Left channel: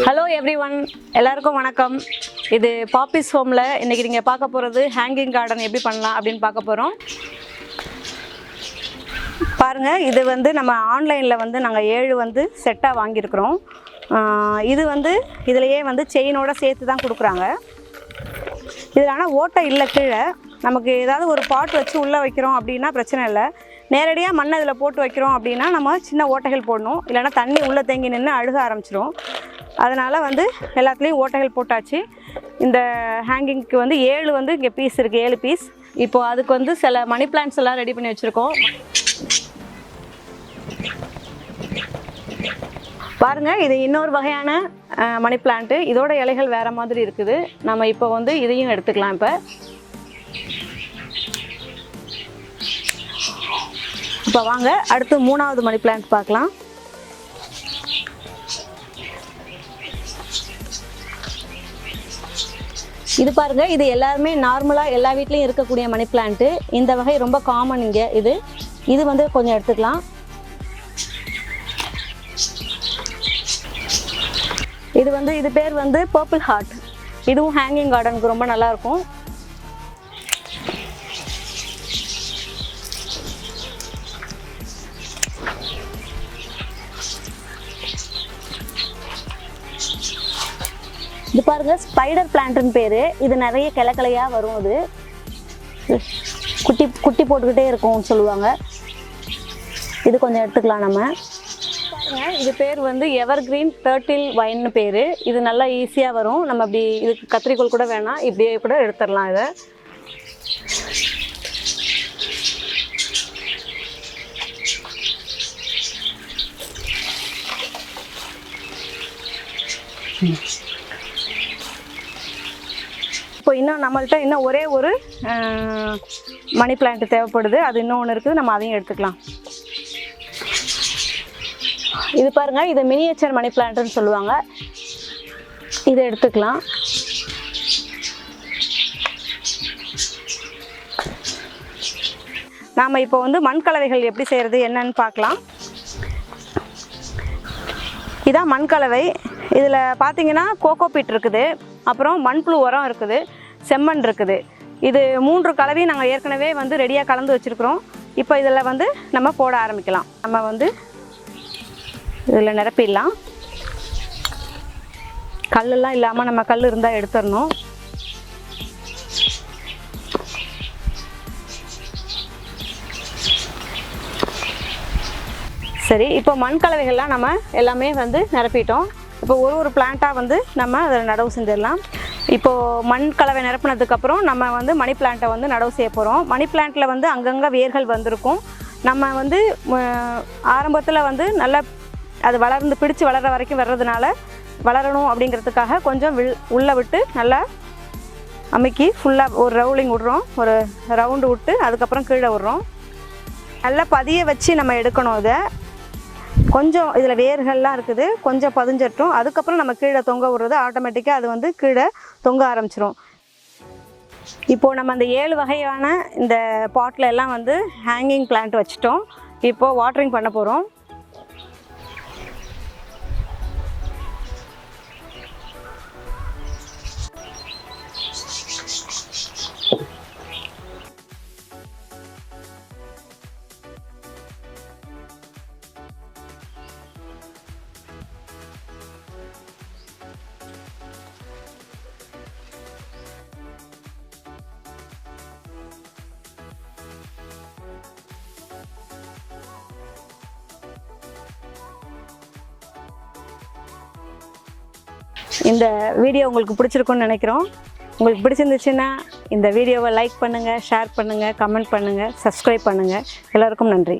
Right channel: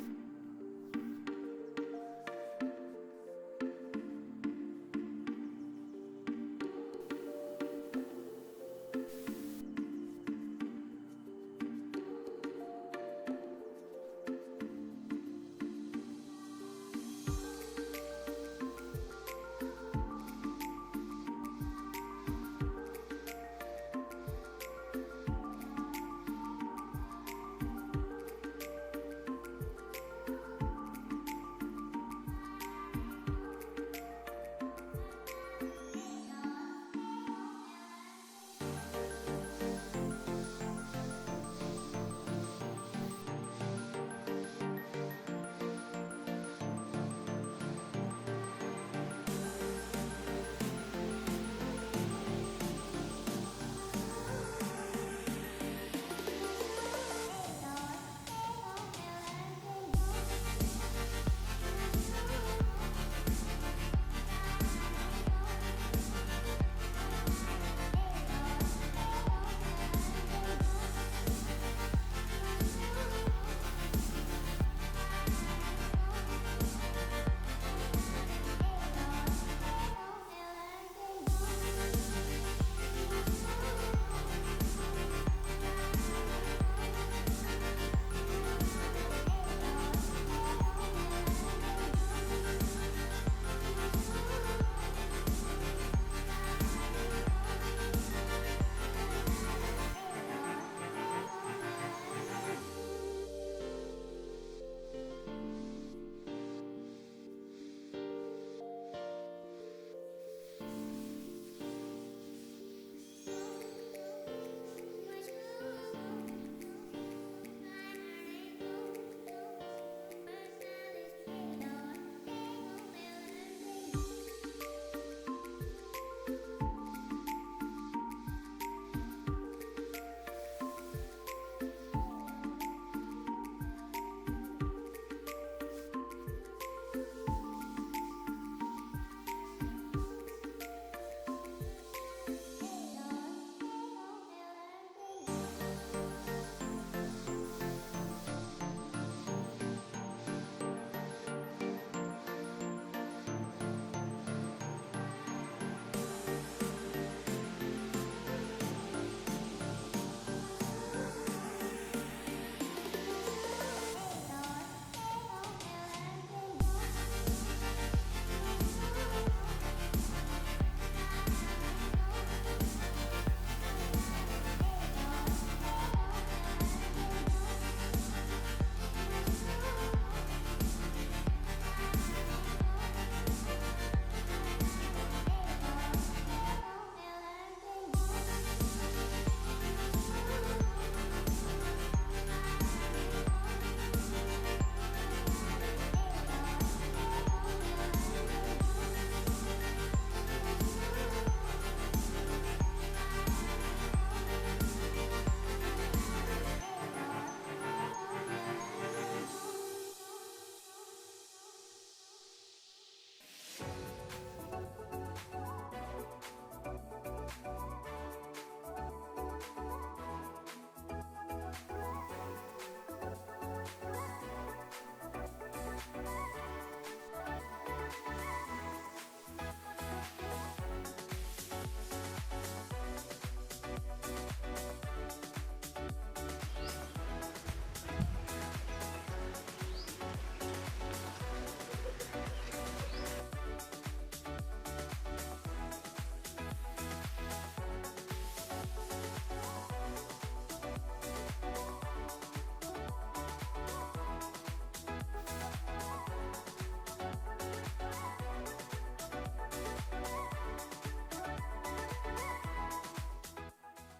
Hello everyone, எல்லாருக்கும் வணக்கம். இது பாப்பிஸ் ஹோம்ல இன்னைக்கு நீங்க பார்க்க போறது ஹேங்கிங் கார்டன் எப்படி பண்ணலாம் அப்படினு பார்க்க போறோம். பாருங்க, இது வந்து நம்ம ஆன்லைன்ல வந்து நாங்க 7 செட்டா வாங்கி இருக்கோம். இது இதுலயே செயினோட சேர்த்து தான் கொடுக்குறாங்க. இதனால ஓட்டை இல்ல, கீழே நமக்கு ஏதாவது ஒரு பாட் வச்சு உள்ள வைக்கிறோம் அப்படினா பிரச்சனை இல்லை. நேரடியா மண்ணை இதில் போட்டு வைக்கிறோம் அப்படின்னா நம்ம சின்ன ஓட்டைகள் போடணும், இல்லைனா தண்ணி உள்ளே தேங்கி நின்று அழுக ஆரம்பிச்சிடும். அதனால் எல்லாத்துலேயும் ஓட்டைகள் போட்டாச்சு. இந்த ஹேங்கிங்க்கு 7 இங்கே பீஸ் இருக்குது, 7 பீஸ். இப்போது அதுக்கு சில மணி பிளான்ட்ஸ் எல்லாம் ரெடி பண்ணி வச்சுருக்கோம். பாருங்கள், இது இன்னொரு வகையான மணி பிளான்ட்டு. இதோட இலைகள் வேறு மாதிரி இருக்குது. நம்ம இப்போ இதையும் எடுத்துக்கலாம். இப்போ வாங்க அடுத்து 3வது மணி பிளான்ட் பார்க்கலாம். இது பாருங்க, இது எல்லாருமே நார்மலாக எல்லா வீட்லேயும் இருக்கக்கூடிய மணி பிளான்ட்டு. இந்த வகை ரொம்ப காமன் இங்கே. இது கொஞ்சம் எடுத்துக்கலாம். இது பேர் பர்பிள் ஹார்ட். இதுவும் ஹேங்கிங் கார்டனுக்கு ரொம்ப நல்லா இருக்கும். இது பாருங்க, ஸ்பைடர் பிளான்ட்னு பேரு. இது நிறைய கிளையா வரும். அது குட்டி குட்டி போட்டுக்கிட்டே இருக்கும்னு சொல்லுவாங்க. இது கொஞ்சம் எடுத்துக்கலாம் நம்ம. இது பேர் எவர்கிரீன் டர்ட்டில் வைன்னு பேரு. இது நல்லா ஈஸியாக வரும். நம்ம அப்படி இதுக்கு கத்திரிக்கோல் கூட வேணாம், இப்படியே கூட எடுத்துடலாம். இதை இப்போ இன்னும் நம்மள்கிட்ட இன்னும் ஒரே ஒரு மணி பிளான்ட் தேவைப்படுது. அது இன்னொன்று இருக்குது, நம்ம அதையும் எடுத்துக்கலாம். இது பாருங்கள், இது மினியேச்சர் மணி பிளான்ட்னு சொல்லுவாங்க. இதை எடுத்துக்கலாம். நாம் இப்போ மண் கலவைகள் எப்படி செய்கிறது என்னன்னு பார்க்கலாம். இதான் மண் கலவை. இதில் பார்த்தீங்கன்னா கோகோபீட் இருக்குது, அப்புறம் மண்புழு உரம் இருக்குது, செம்மண் இருக்குது. இது 3 கலவையும் நாங்கள் ஏற்கனவே ரெடியாக கலந்து வச்சுருக்குறோம். இப்போ இதில் நம்ம போட ஆரம்பிக்கலாம். நம்ம இதில் நிரப்பிடலாம். கல்லெல்லாம் இல்லாமல் நம்ம கல் இருந்தால் எடுத்துடணும். சரி, இப்போ மண் கலவைகள்லாம் நம்ம எல்லாமே நிரப்பிட்டோம். இப்போ ஒரு பிளான்ட்டாக நம்ம அதில் நடவு செஞ்சிடலாம். இப்போது மண் கலவை நிரப்பினதுக்கப்புறம் நம்ம மணி பிளான்ட்டை நடவு செய்ய போகிறோம். மணி பிளான்ட்டில் அங்கங்கே வேர்கள் வந்திருக்கும். நம்ம ஆரம்பத்தில் நல்லா அது வளர்ந்து பிடிச்சி வளர்கிற வரைக்கும் வர்றதுனால வளரணும் அப்படிங்கிறதுக்காக கொஞ்சம் உள்ளே விட்டு நல்லா அமுக்கி ஃபுல்லாக ஒரு ரவுலிங் விட்றோம். ஒரு ரவுண்டு விட்டு அதுக்கப்புறம் கீழே விட்றோம். நல்லா பதிய வச்சு நம்ம எடுக்கணும். இதை கொஞ்சம் இதில் வேர்கள்லாம் இருக்குது, கொஞ்சம் பதிஞ்சிட்டும். அதுக்கப்புறம் நம்ம கீழே தொங்க விடுறது ஆட்டோமேட்டிக்காக அது கீழே தொங்க ஆரம்பிச்சிரும். இப்போது நம்ம அந்த 7 வகையான இந்த பாட்டில் எல்லாம் ஹேங்கிங் பிளான்ட் வச்சுட்டோம். இப்போது வாட்டரிங் பண்ண போகிறோம். இந்த வீடியோ உங்களுக்கு பிடிச்சிருக்குன்னு நினைக்கிறோம். உங்களுக்கு பிடிச்சிருந்துச்சுன்னா இந்த வீடியோவை லைக் பண்ணுங்கள், ஷேர் பண்ணுங்கள், கமெண்ட் பண்ணுங்கள், சப்ஸ்கிரைப் பண்ணுங்கள். எல்லாருக்கும் நன்றி.